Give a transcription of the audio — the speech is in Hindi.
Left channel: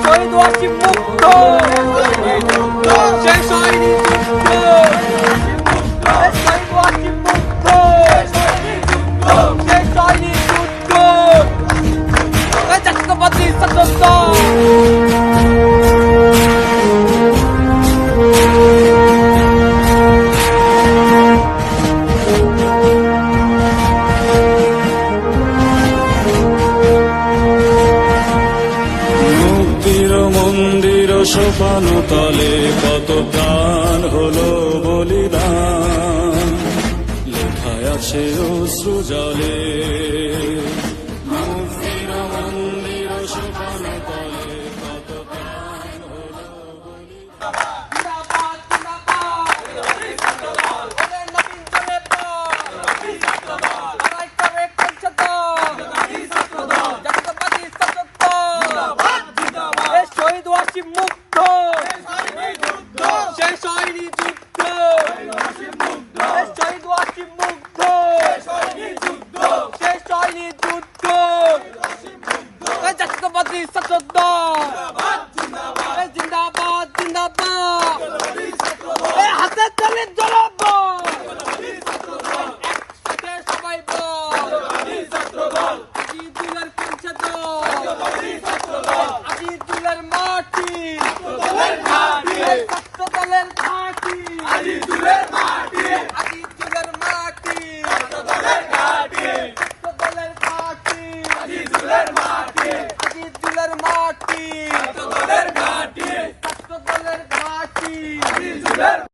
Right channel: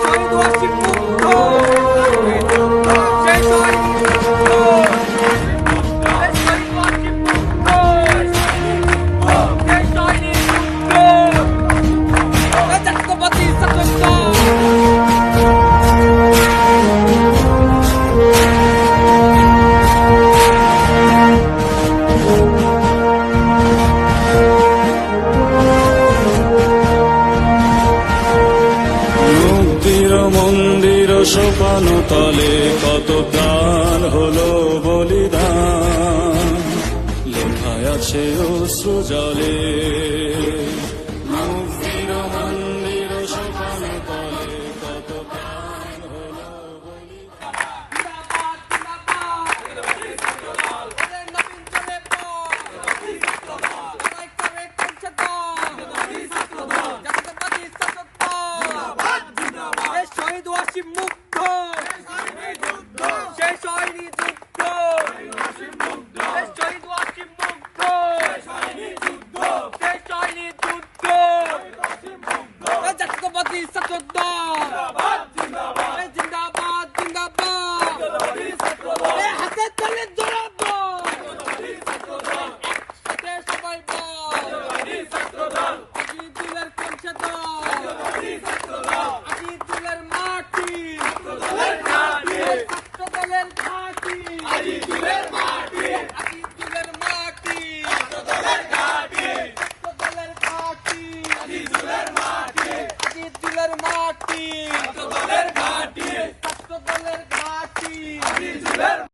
শহীদ ওয়াসিফ সোপান তলে কত প্রাণ হলো বলিদান। লেখায় আছে অশ্রু জলে। गलवाड़ी सतोदा जिंदाबाद जिंदाबाद হাতে তালে জড়াব একসাথে সবাই বল আজিদুলের পঞ্চায়েত আজিদুলের মাটি ছাত্র দলের ঘাটি আজিদুলের মাটি দলের মাটি। দলের ঘাট